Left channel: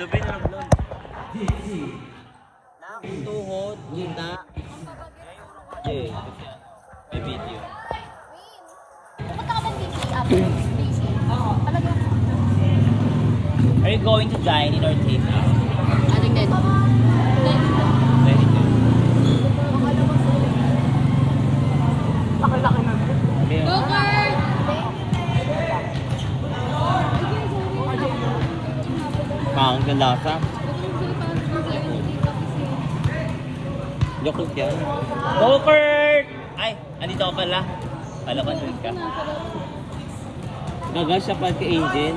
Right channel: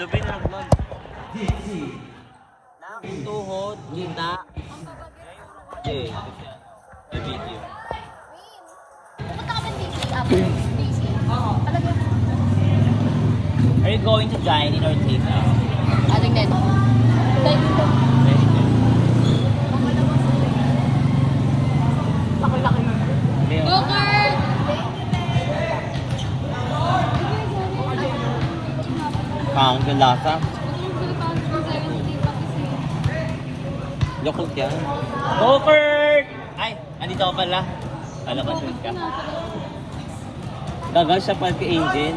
Lubin na vlog. Tuhod, gina. Okay. May video. Are you going to dine in our table? Very good. Pound yung lasa. Yakult yan. Go Kurt! Ay, andito ka pala. Alam ka, sure ka. Dagang siya pati Angel.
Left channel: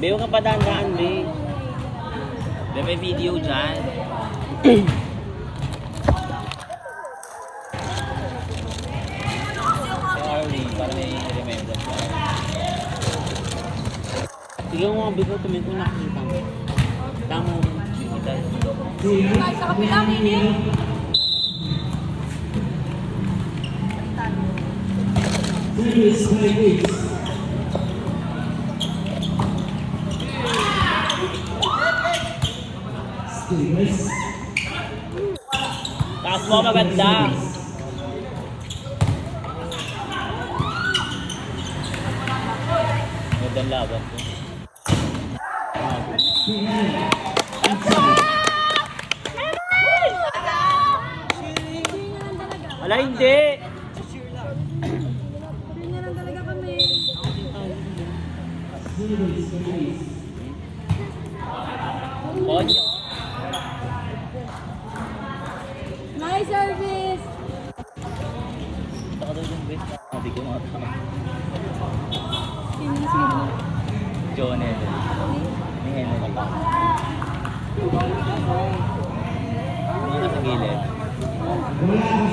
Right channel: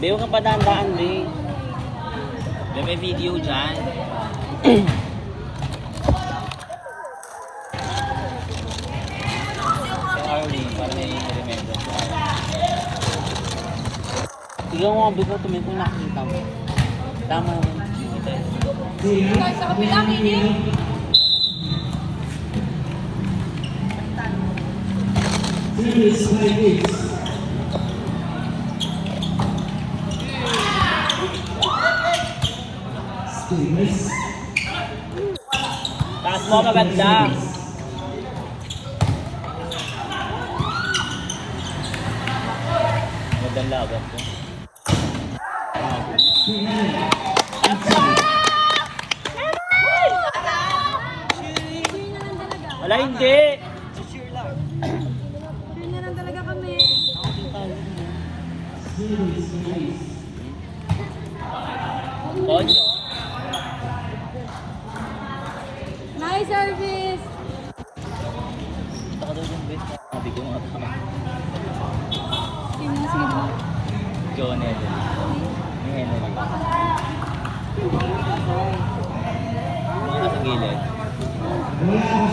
Di ka pa dandaan, be. May video dyan. So Arlene, para may remember si Arlene. Tignan mo ang bigo, tumingin kung nakikita mo. Tama. Sa kapila, baby. Taas mo maganda. Magandang laban ko. Wala, hindi. Konyo. Nice service. Sabi ko mga pala. John Henry. Ni Henry. Mga nasa gilid.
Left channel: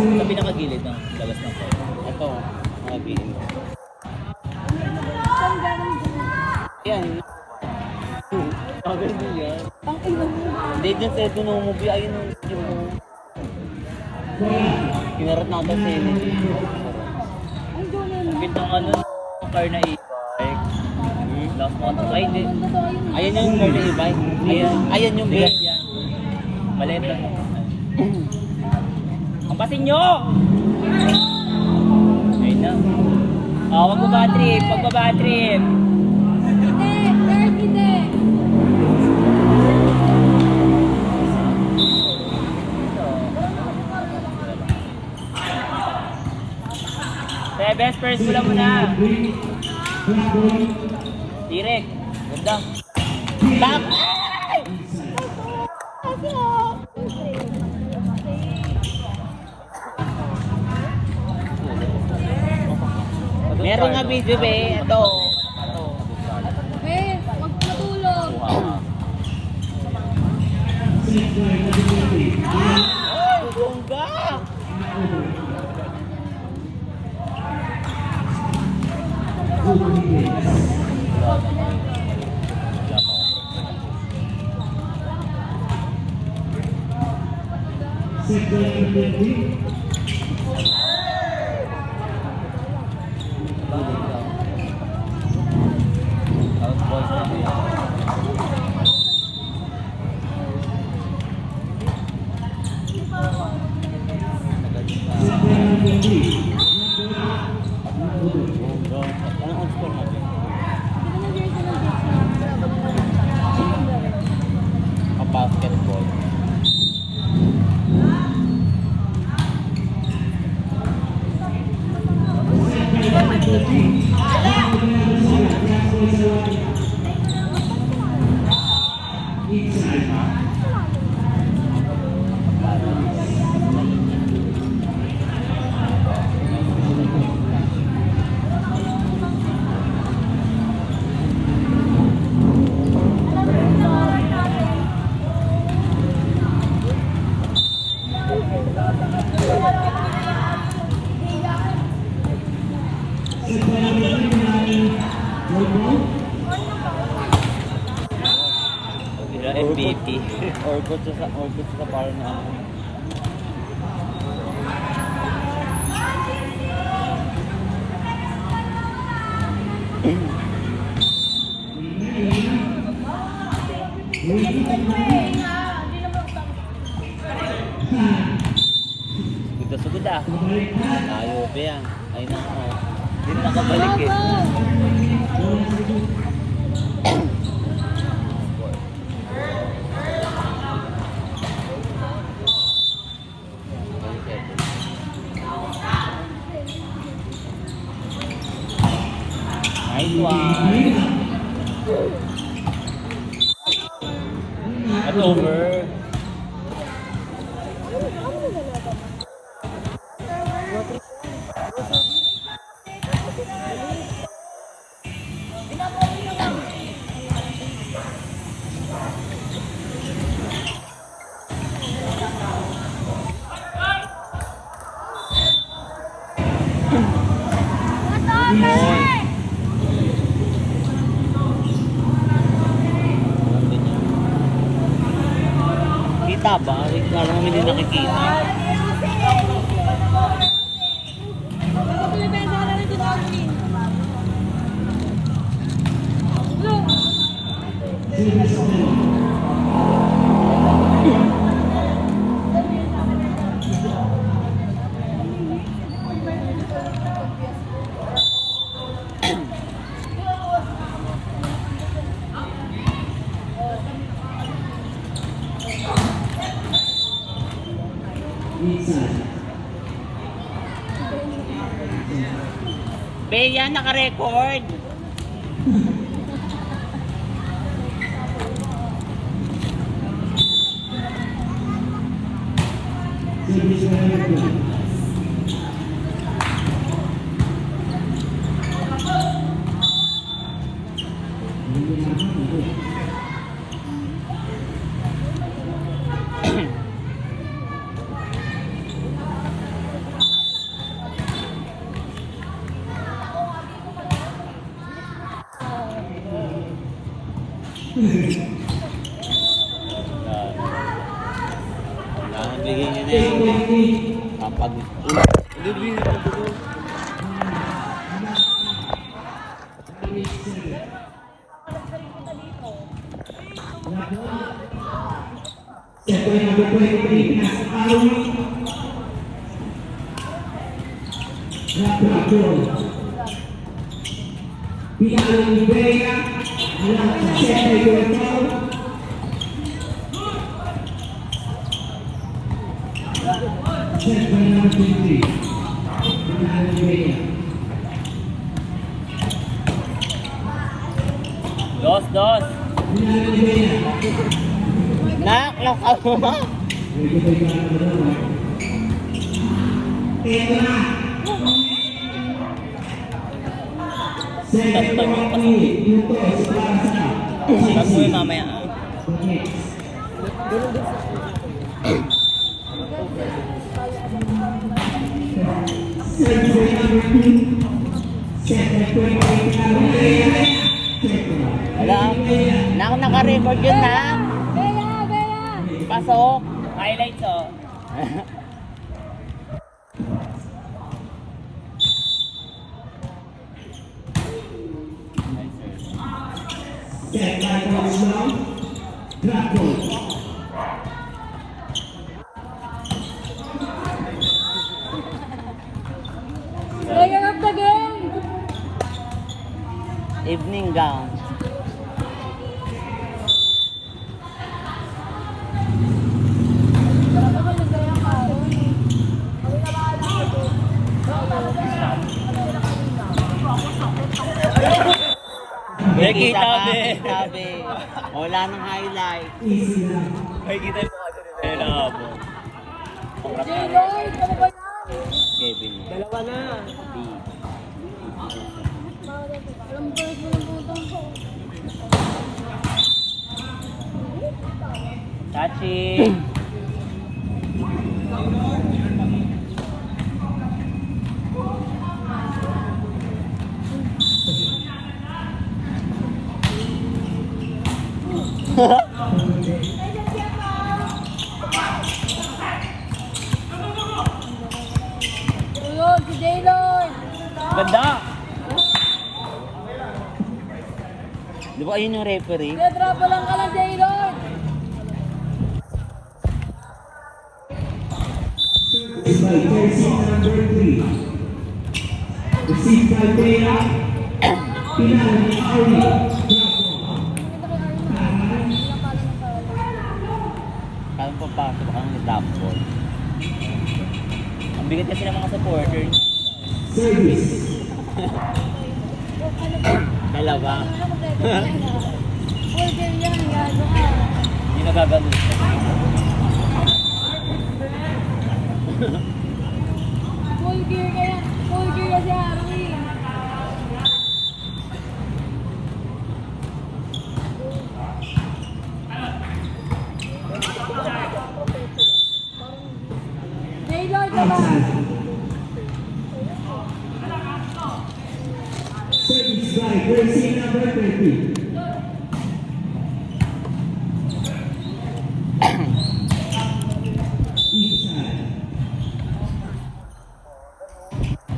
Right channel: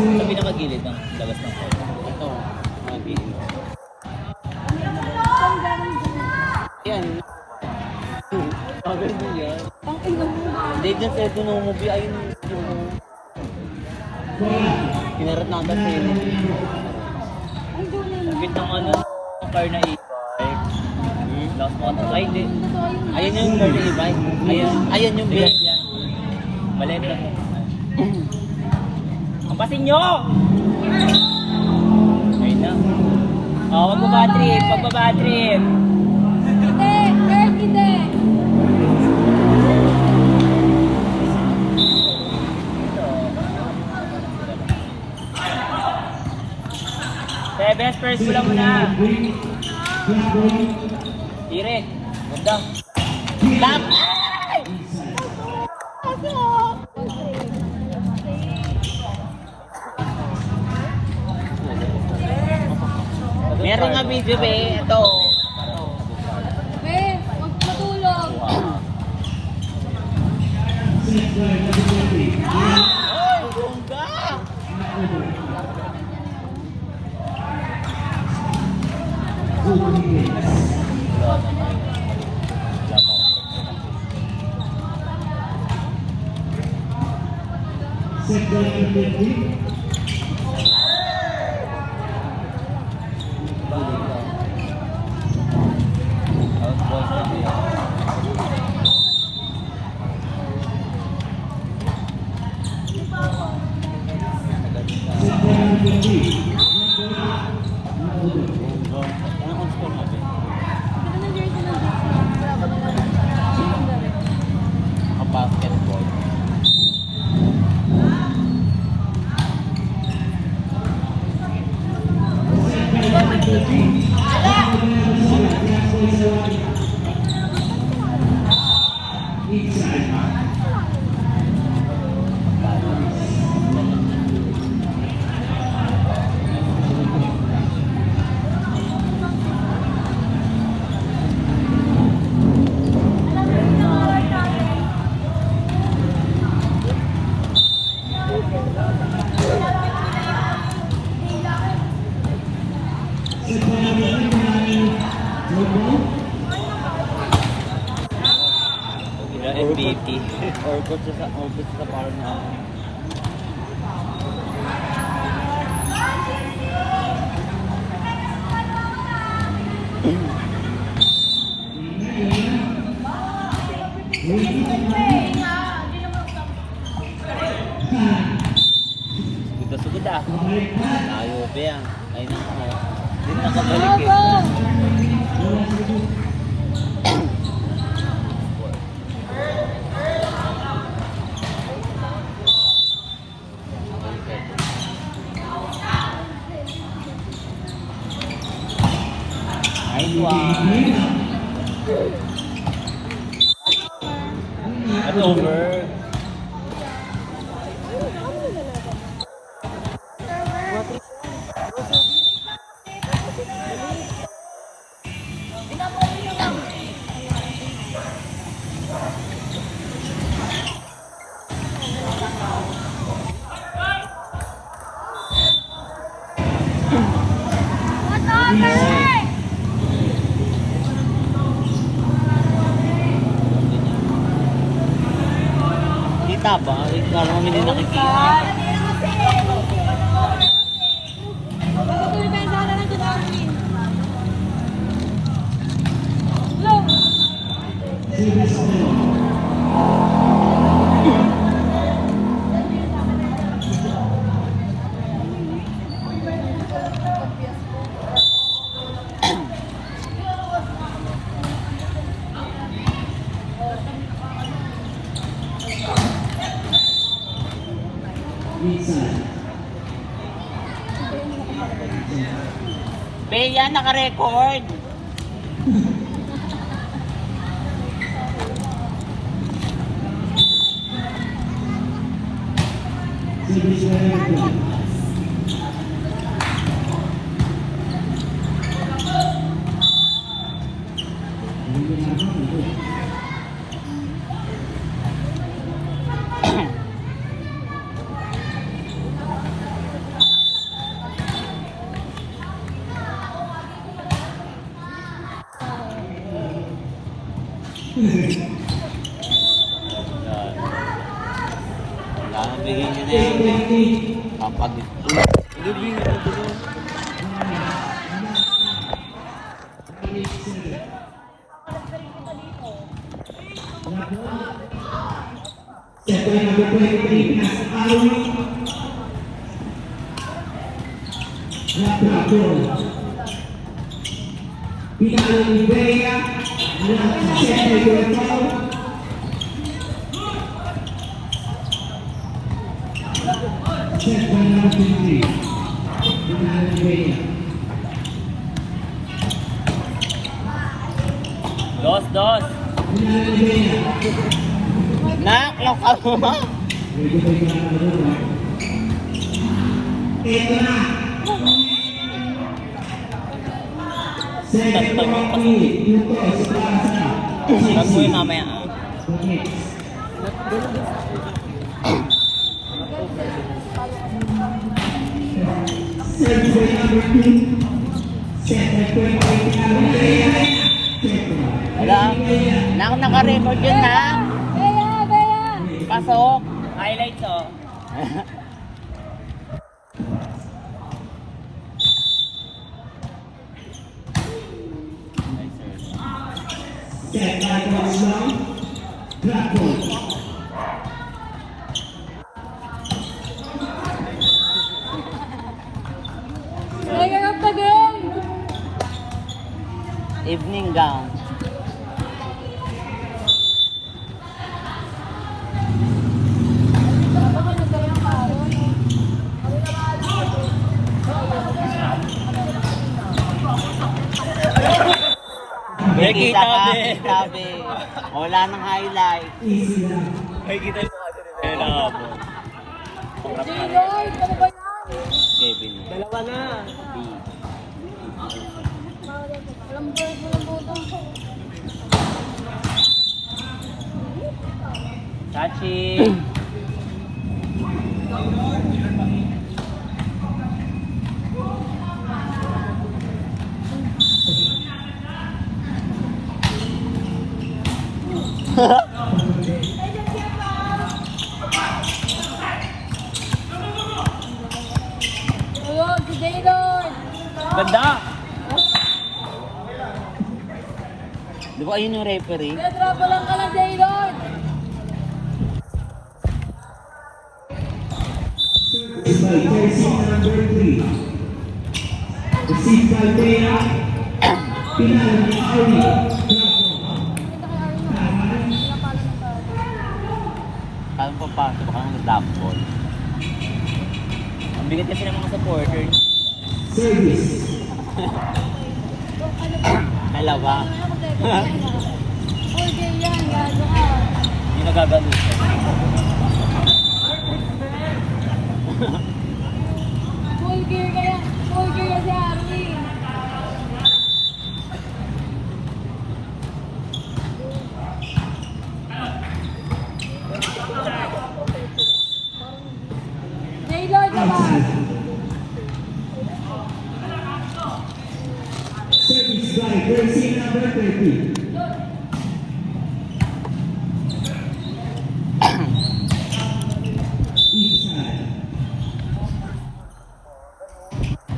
Sa pinakagilid ng labas ng court. Ito, mga gilid. Yan. Sabi mo yan. Hindi dyan sa ito nung movie. Ayun yung kinarat natin sa inyo. Ang ganda ano, car na e-bike. Last one. Ay, hindi. Ayan yung car na e-bike. Ayan yung base. Maliit lang naman. Kampasin nyo! Ayun na. Oh, magbaba-trip. Magbaba-trip. Kaya best first ko lang muna. Direk. Ganda. Stop! Meron nga video ba eh. Ito. Eh, matulog. Bongga! Basketball. FBT. Orbit sa power na. Sugod ah. Tayo pa yan. Ay nako. Hindi na nakabalik eh. Nice one. Hello, bird. Kita ba? Parang kami din nakikita. Bea, naka-record. Bigay niya na yun. Papagod ko. Lubi na ito. Dos. Nak, lokal mo. Tag mo yun mamaya. Nak, naka-record yun na. Bea! Pasok. Highlights oh. Player of the game! Evening gown. Kita be. Wala nang highlight. May kita yung mga dito. J-Lloyd! Kevin. Dalawa na. Tachi. J-Lloyd! Ganda. Aba, ayun yung referee. Kaya drama lang ka lang, Jaylon. Kaya papasok ang drop ball. Bigat kasi ng mga supporter. Alam ba? Hindi nagaganon siya. Full gear kaya. Full gear kasi Aki. Jaylon, diba?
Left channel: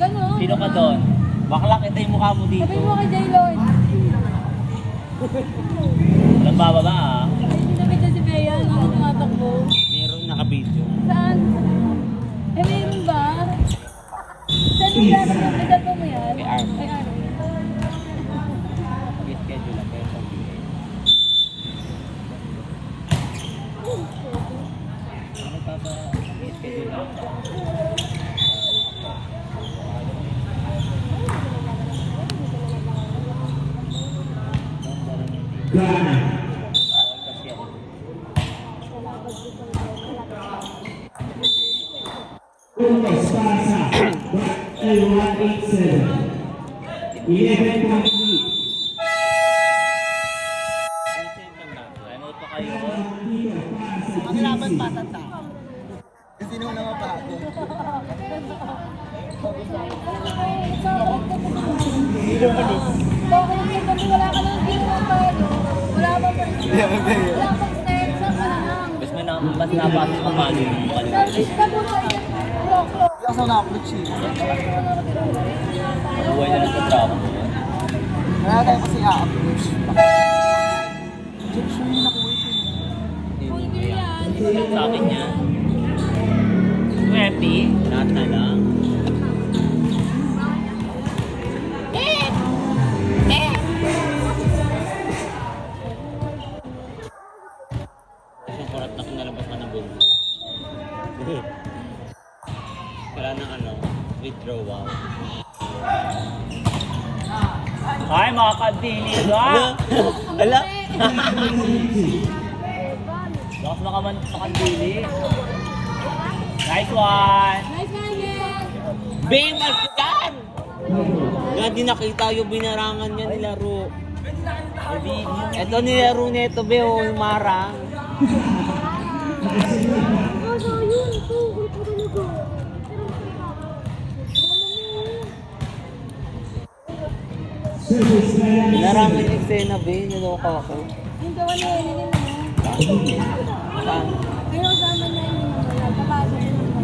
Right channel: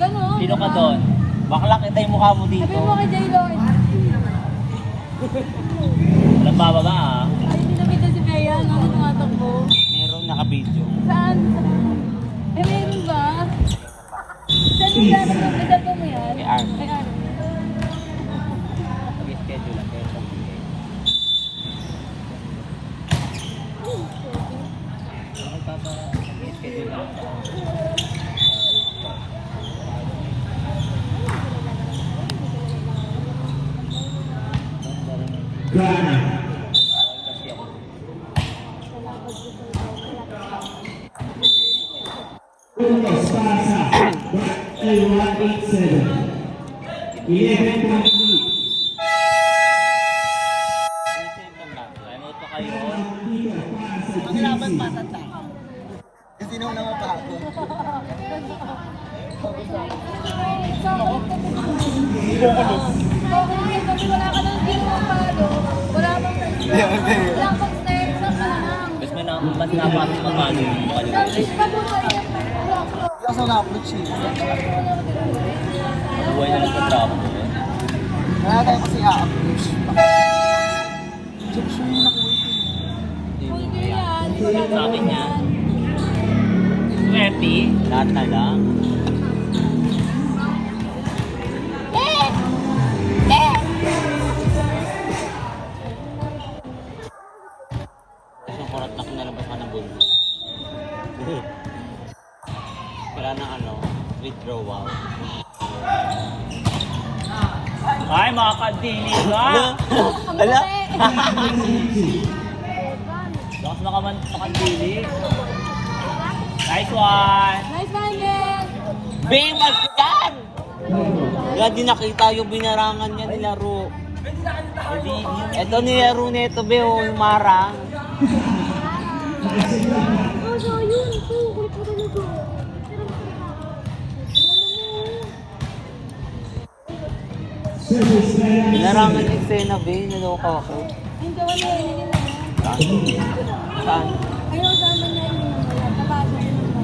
Ganon. Sino ka doon? Bakla kita yung mukha mo Sabi dito. mo kay Jaylon. Nagbababa ah. Sabi ko si Bea, ako tumatakbo. Merong nakabidyo. Saan? Ay, meron ba? Saan mo dati? Nadapa mo yan? Kay Arm. Kay Arm. Mag-schedule lang kayo sa video. Mag-schedule lang. Puntos para sa L187. 11 complete. Ang laban pa sa tao. Hindi naman nakatago. Tapos may mas napasok na palo yung palo. Hindi ako na-upload siya. Buhay na lang sa drop. Kaya tayo kasi a-upload. Sabi niya. 20. Tataga. Isang kurat na kinalabas ka ng bulo. Wala ng ano, withdrawal. Ay, mga kandila! Ala! Lakas na kaman sa kandili. Nice one! Nice one, Ben! Ben, kasigan! Kaya di nakita yung binarangan niya nilaro. Ito nilaro nito, be, yung marang. Binarangan yung eksena, be, niloka ako. Yung gawa niya, yun. Saan? Ayaw sama niya.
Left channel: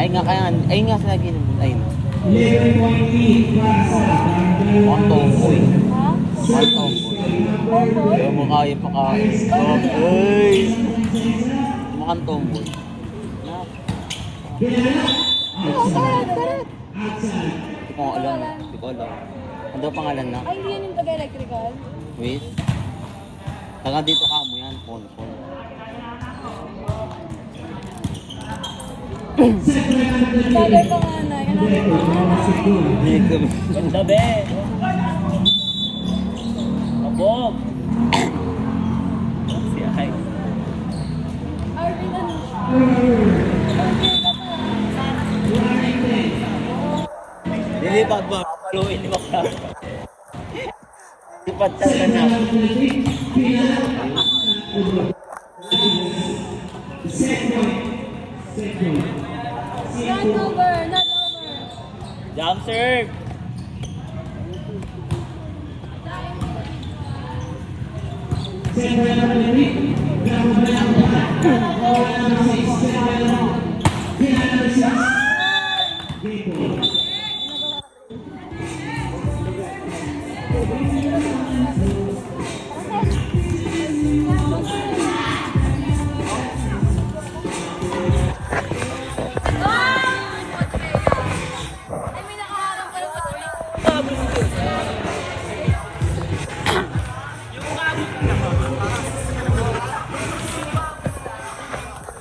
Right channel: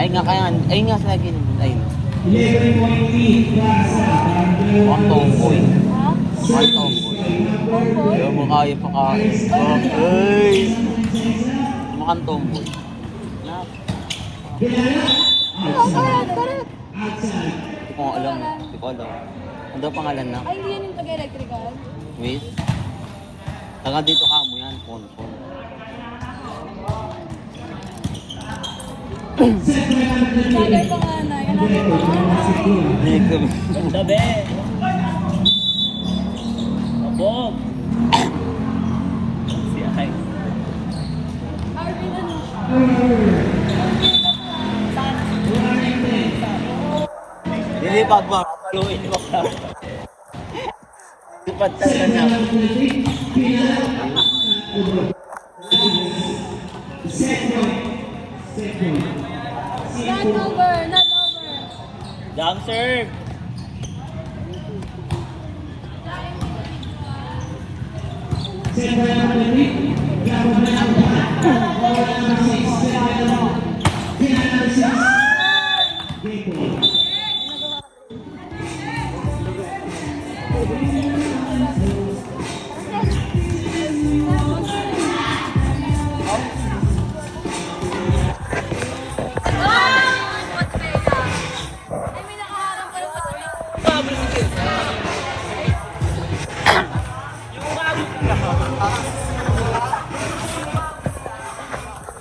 Ay nga kaya, ay nga sa lagi naman. Ay, 11 complete para sa ang tomboy. Ang tomboy. Kaya mo kaya pa kain. Ay! Mukhang tomboy. Hindi ko alam. Hindi ko alam. Ano daw pangalan na? Ay, hindi yan yung taga-electrical. Wait. Taga dito ka mo yan. Phone. Sabi ko nga na yun. Ganda, be! Mabog! Si Ay. Lilipad mo. Fluid mo ka. Lipad talaga na. Not over, not over. Jump serve!